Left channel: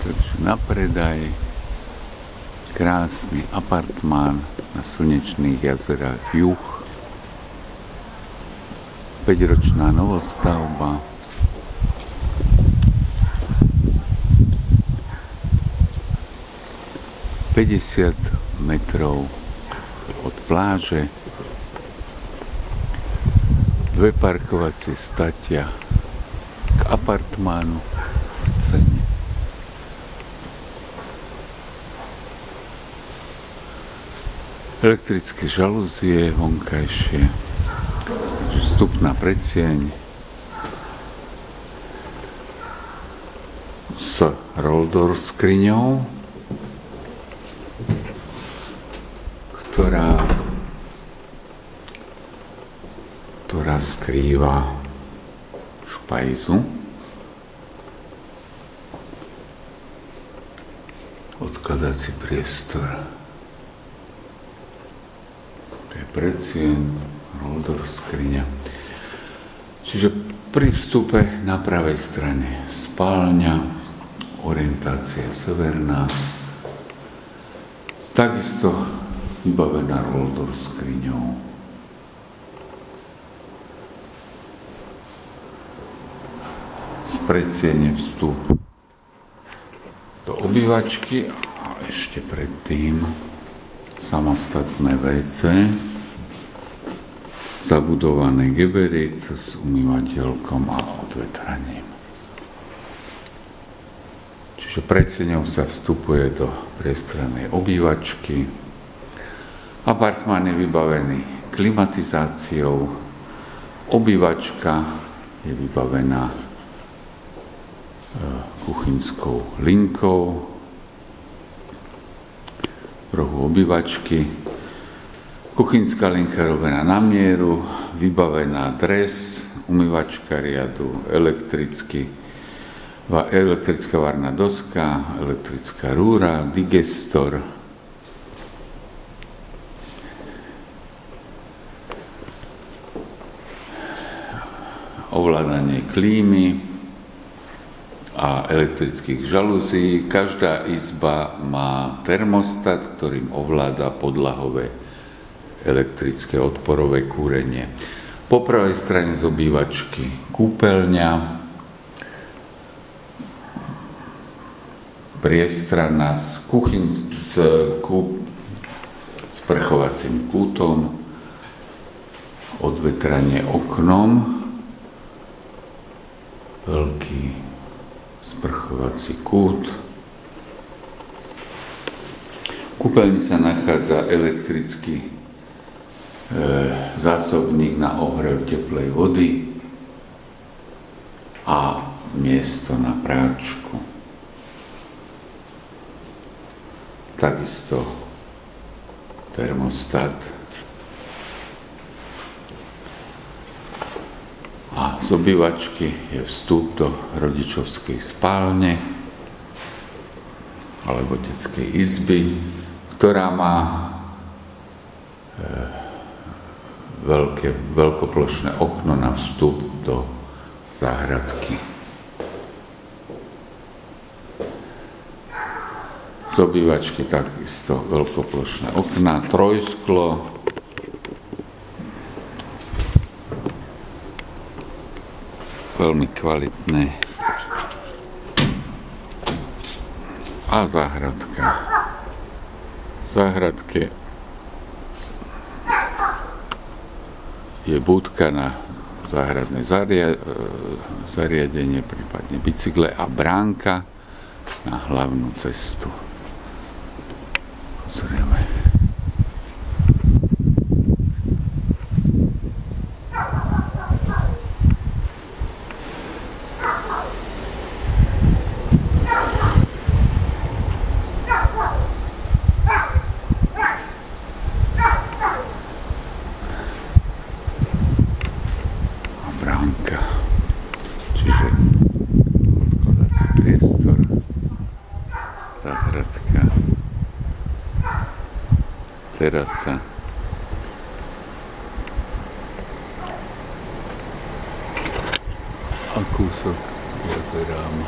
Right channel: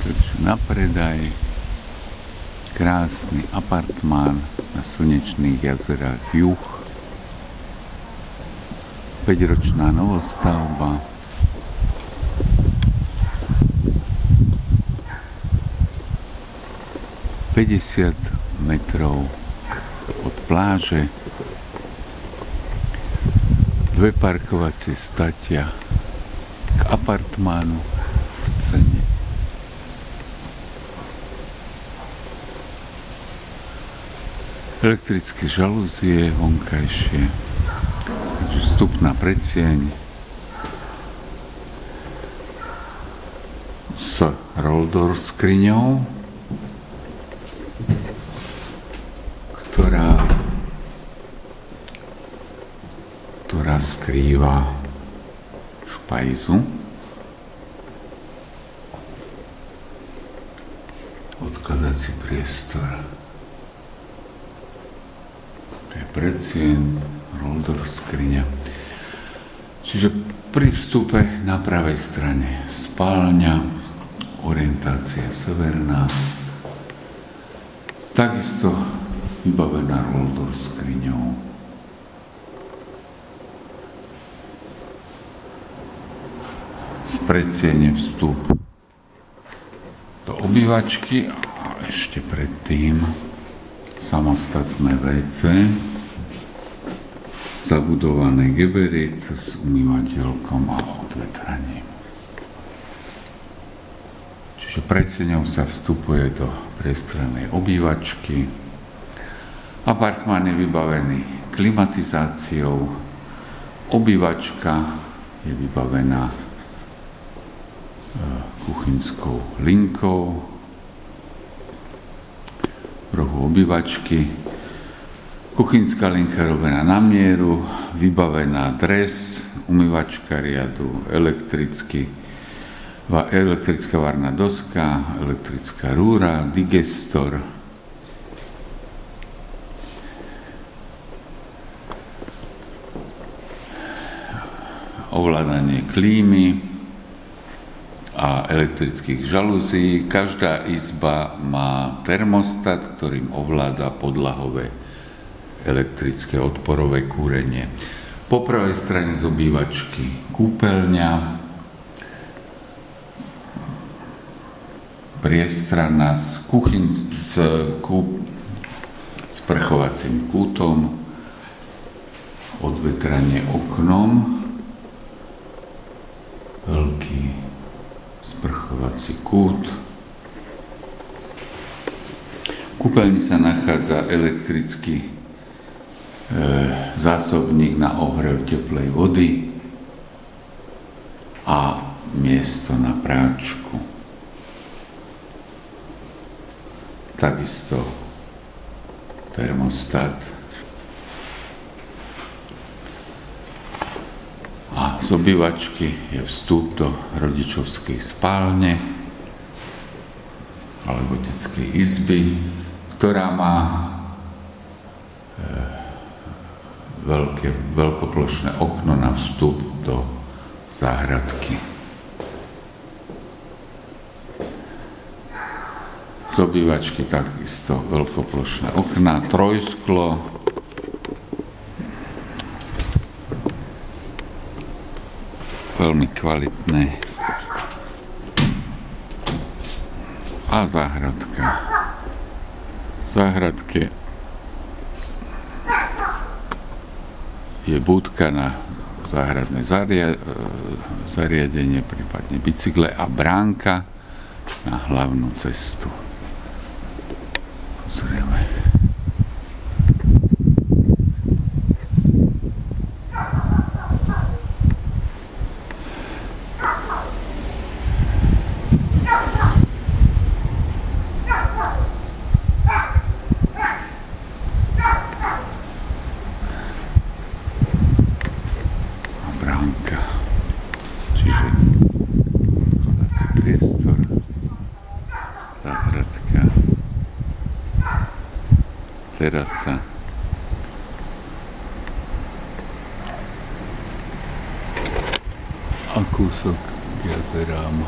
Takže na predaj krásny apartmán na slnečných jazerách Juh. 5-ročná novostavba. ...50 metrov od pláže. 2 parkovacie statia k apartmánu v cene. Elektrické žalúzie vonkajšie, takže vstupná predsieň s roll-door skriňou, ktorá skrýva špajzu. Odkladací priestor. To je predsieň, roll-door skriňa. Čiže pri vstupe na pravej strane spálňa, orientácia severná, takisto vybavená roll-door skriňou. Z predsiene vstup do obývačky a ešte predtým samostatné WC, zabudovaný geberit s umývateľkom a odvetraním. Čiže predseňou sa vstupuje do priestrannej obývačky. Apartmán je vybavený klimatizáciou, obývačka je vybavená kuchynskou linkou, v rohu obývačky. Kuchynská linka robená na mieru, vybavená dres, umývačka riadu, elektrická varná doska, elektrická rúra, digestor, ovládanie klímy a elektrických žalúzií. Každá izba má termostat, ktorým ovláda podlahové elektrické odporové kúrenie. Po pravej strane z obývačky kúpeľňa, priestrana s sprchovacím kútom, odvetranie oknom, veľký sprchovací kút. V kúpeľni sa nachádza elektrický zásobník na ohrev teplej vody a miesto na práčku. Takisto termostat. A z obývačky je vstup do rodičovskej spálne alebo detskej izby, ktorá má veľkoplošné okno na vstup do záhradky. Z obývačky takisto veľkoplošné okná, trojsklo, veľmi kvalitné. A záhradka. V záhradke je budka na záhradné zariadenie, prípadne bicykle a bránka na hlavnú cestu. Pozrieme. Bránka, čiže odkladací priestor, záhradka, terasa, a kúsok k jazerám.